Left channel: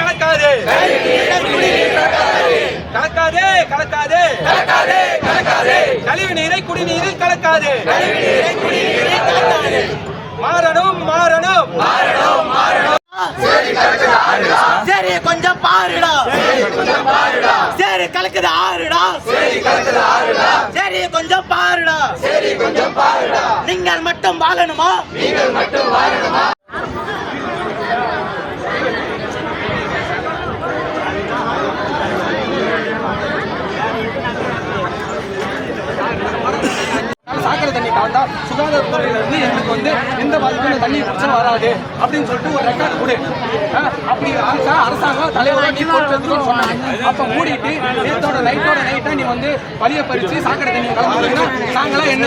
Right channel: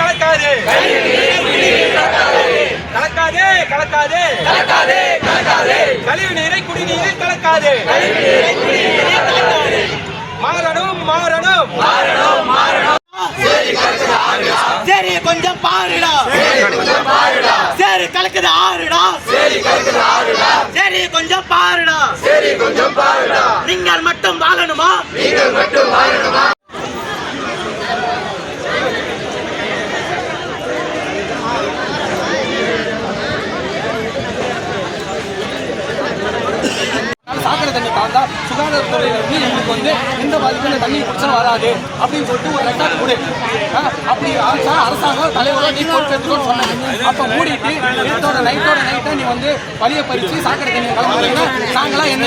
கலக்காது. கலக்காதே கலக்காதே. கலக்காதே கலக்காதே கழிவு நீரை குடிநீரில் கலக்காது. மாறணும் மாறணும். மாறணும் மாறணும் சரி கொஞ்சம் பாருடா. கொஞ்சம் பாருடா சரி கலக்குது ஆறுடா சரி கலக்குது ஆறுடா. சரி கொஞ்சம் பாருடா. சரி கொஞ்சம் பாருடா. நீங்கள் மட்டும் வாழணுமா? நீங்கள் மட்டும் வாழணுமா? சாக்கடை தண்ணி கலந்தா சுகாதாரத்துறையில இருந்து எங்களுக்கு வந்து எந்த பாதிப்பும் இந்த தண்ணி பிரச்சனை வராது அப்படின்னு சொல்லிட்டு ஒரு ரெக்கார்டு கொடு அப்படி ஆச்சா அரசாங்கம் தலைவரை நீ சொன்னாங்க. அப்ப மூடிட்டு நேத்தோட நைட்டோட நைட்டா நீ வந்து வழிய பறிச்சு சாக்கடை தண்ணியை கலந்துறீங்க நாங்களாம் என்ன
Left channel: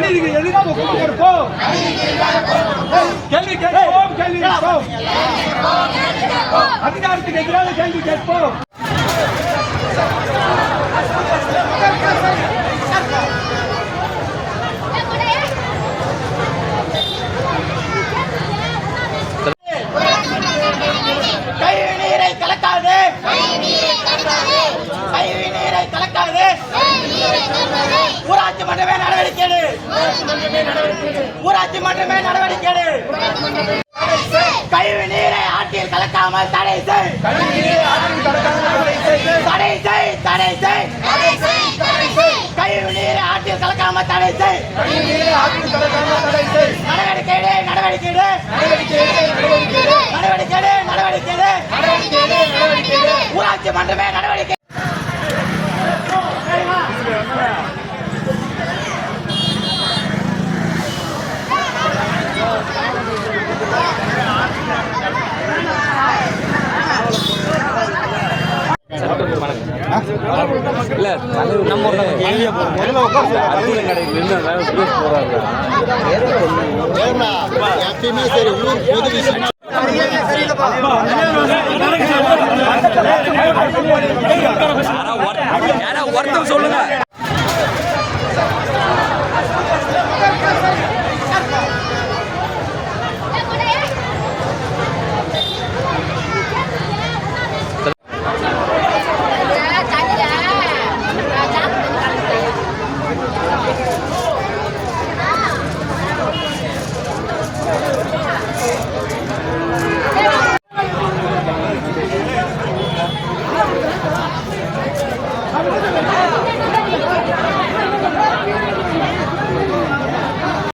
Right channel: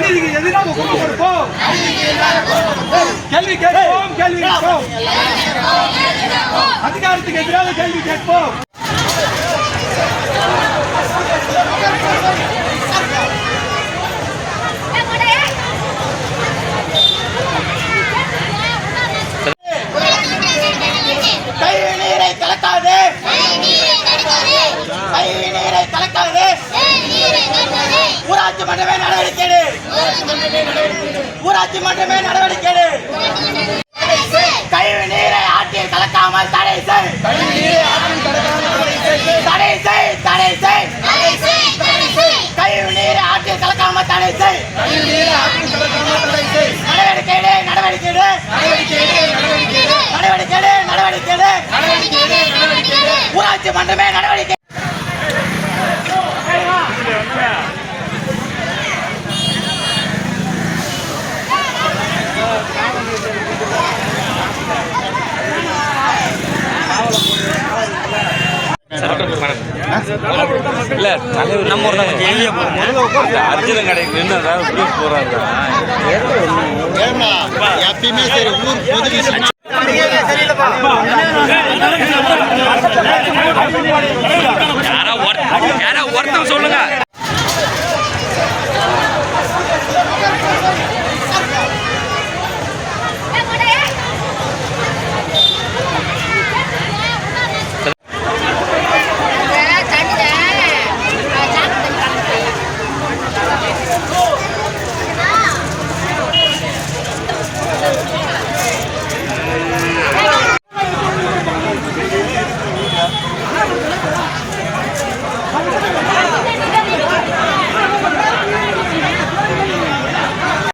அநீதிக்கு எதிராக குரல் கொடுப்போம். கேள்வி கேட்போம் கேள்வி கேட்போம். அதிகாரத்துக்கு எதிராக கேள்வி கேட்போம் கழிவு நீரை கலக்காதே கழிவு நீரை கலக்காதே ஊராட்சி மன்றமே நடவடிக்கை எடு. ஊராட்சி மன்றமே நடவடிக்கை எடு. கழிவு நீரை ஆற்றில் கலக்காமல் தடை செய். தடை செய் தடை செய். கழிவு நீரை ஆற்றில் கலக்காமல் தடை செய். நடவடிக்கை நடவடிக்கை நடவடிக்கை நடவடிக்கை ஊராட்சி மன்றமே நடவடிக்கை இல்லை தலைவர் நம்ம ஒரு கொஞ்சம் எளிய போகும் அர்ஜுனன் கடைக்கு நின்று எப்பயுமே சரி ஊர் பொது யாரா ஒருத்தர் சொல்லுங்க